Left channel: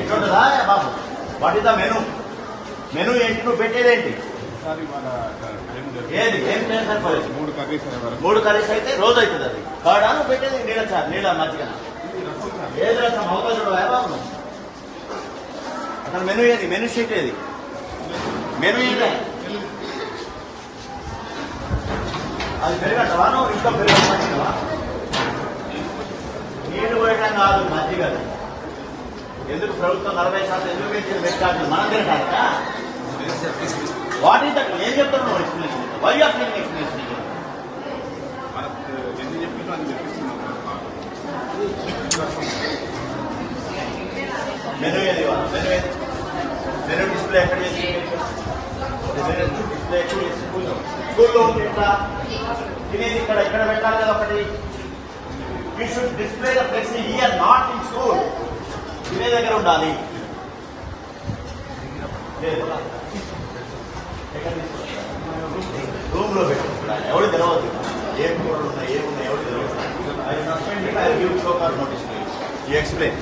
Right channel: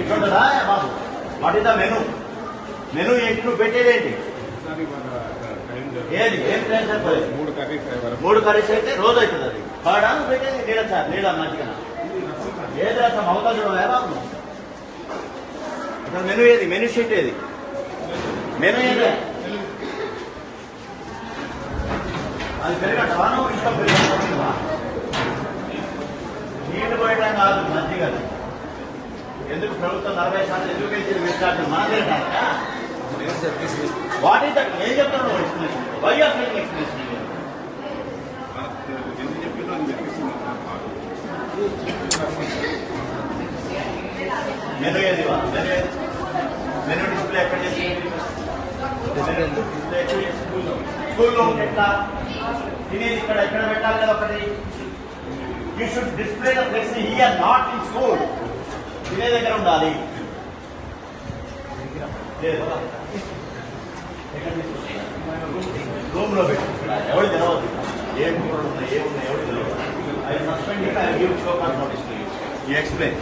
ఎట్లుంటుందా బాబు? What is the menu? Menu ఏంటి? నువ్వు పెట్టేదేంటి? ఏది ఏం ప్లేస్ అయిపోయింది? 3 కర్రీస్ అయితే రోజు అవుతుంది. అది కాడా నువ్వు పెట్టేది? నీళ్ళ మధ్యగా ఏది రసం అవకాశం బాబు? అసలు మెను ఏది? మెను షీట్ ఏది? మెను ఏది? అది పెరగటవా? నువ్వు ఇంకా పెరగవా? నీళ్లు పోయటం కాదు, మధ్య కాదు. ఎందుకు ప్రభుత్వం 40% ఎందుకు పెంచింది? పెట్టాలి మనం తిరగాక. What is that? ఏం చెప్తున్నావు explanation? Why are making explanation? Menu ఏది? మెను డిస్ప్లే ఎక్కడ చేసింది? డిస్ప్లే స్కూల్లో పెట్టా. తినేది ఇక్కడ ఎక్కడ పెట్టాలి కదా ఒకటి. You should display the flexi here, not in school. తినే దగ్గర ఉండాలి. రూమ్ లో పెట్టి ఎవరు తెలవద్దు. ఏం ఏమున్నాయి ఎవరు తెలియదు. I suspend it. I give show call notice. You explain.